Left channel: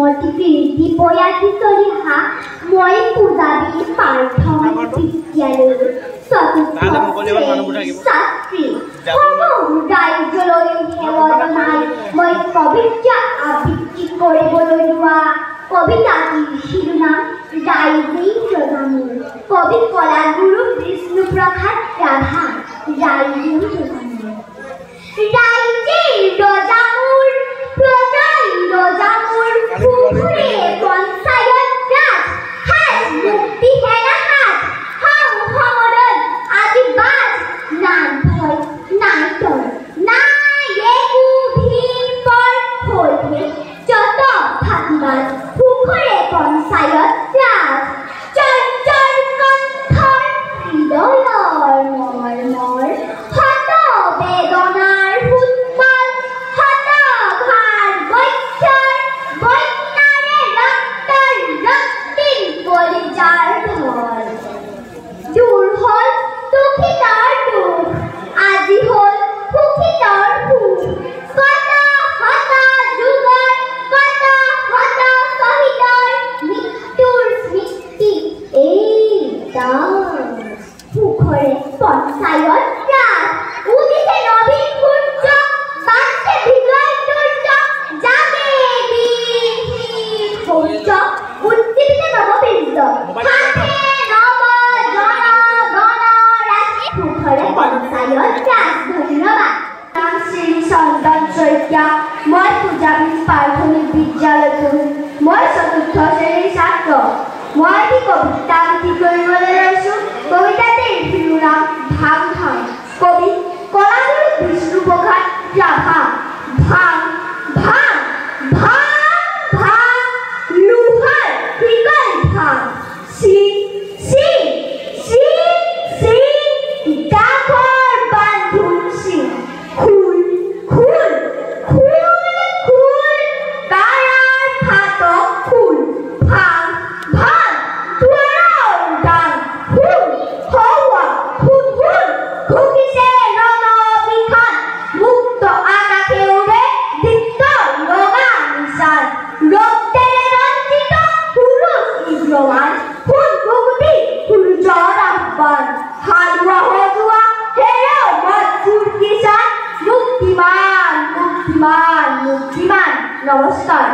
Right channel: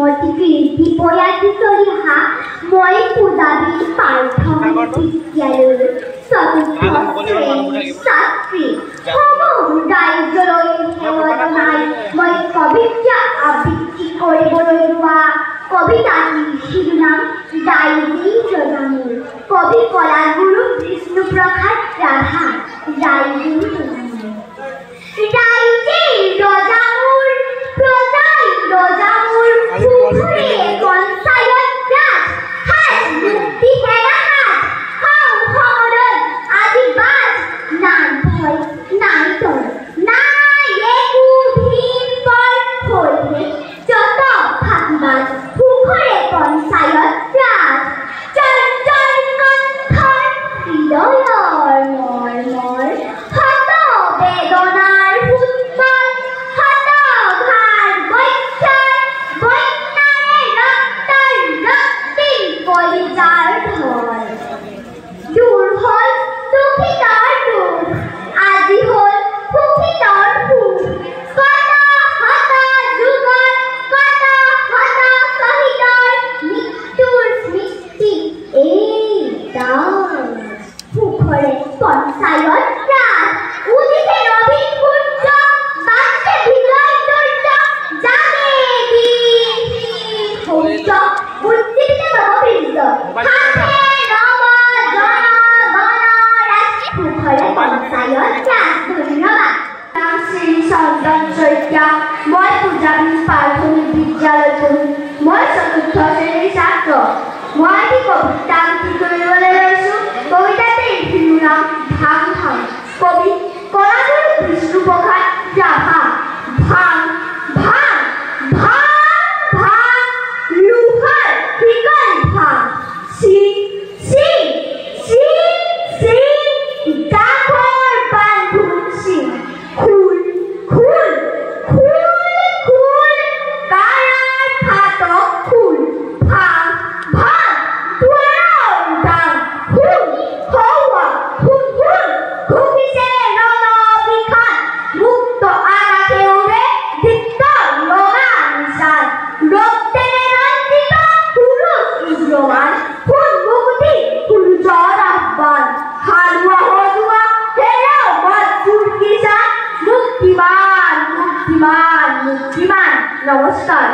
শ্ৰীমতী পয়াতিচলিহা মই পূজাবীৰ প্ৰাথমিক বিদ্যালয়ৰ চতুৰ্থ ছাত্ৰী সমুদায়লৈ সেৱা জনাই মই কবিতা আবৃত্তি কৰিবলৈ লোৱা কবিতাটিৰ শিৰোনাম ৰাইজেই ৰজামূৰ। কবি কলাগুৰু বিষ্ণুপ্ৰসাদ ৰাভা। ৰাইজেই ৰজামূৰ। ৰাইজেই ৰজামূৰ, প্ৰজাই ৰজামূৰ, পুখুৰী পঞ্চায়ত ৰাজ, হাত মুক্তি হেৰা হাত, সমদল আজি বাজ, নাই ভয় নাই ডৰ, নাই একো ভিন পৰ হলহে যত ফাঁকিবাজ, পুখুৰী পঞ্চায়ত ৰাজ, চঞ্চল কণ্ঠৰ হৃদয়ৰ মৰ্মৰ, হত বেদনাৰ ফুটবল, হত ভাৰ বৈশ্যাৰ বন্যাৰে ৰক্তৰ ৰক্তিম কলিজাৰ ঢল। দূৰ হল দুখিতৰ দুখ, আজি হল সুখিতৰ সুখ, কত হত যুগৰ, কত হত শ্বহীদৰ মৃত্যুৰ স্মৃতি এই দাগ। পুখুৰী পঞ্চায়ত ৰাজ, উদিছে নবীন সূৰ্য, বাজছে বিজয় দুৰ্য, জাগে বীৰ শৌৰ্য, উজ্জীৱিত নৱবীৰ্য, হাতে নৱ জন গণ ৰাজ। পুখুৰী পঞ্চায়ত ৰাজ। ধন্যবাদ। নাম শ্ৰী চন্দন শইকীয়া। মই পূজাবীৰ প্ৰাথমিক বিদ্যালয়ত পঢ়ো। মই চতুৰ্থ শ্ৰেণীৰ ছাত্ৰ। মই এটি কবিতা আবৃত্তি কৰিবলৈ লৈছোঁ। কবিতাটিৰ শিৰোনাম ভাং ভাং। কবি কলাগুৰু বিষ্ণুপ্ৰসাদ ৰাভা। ভাং ভাং ভাং ভাং, লোহাৰ শিকল ভাং, চিং চিং চিং চিং, ডাকৰ বান্ধোন চিং, খোল খোল খোল খোল, কাৰাৰ ফাটক খোল, ভাং ভাং দুৱাৰৰ ডাং, খোল হৌৱা খোল খোল, ঘুকিছে ৰণবিষাণ, মুক্ত আকাশে উৰে দীপ্ত ৰঙা নিশান, ৰক্তেৰে ৰঞ্জিত পুৰুষ উগ্ৰৱান, সোণ মুকুতি সূৰ্যৰ আহ্বান, হালোৱা সজোৱা হেৰাও মজবুৰ কিষাণ, মুক্তিমান মুক্তিমান মুক্তিমান। নমস্কাৰ।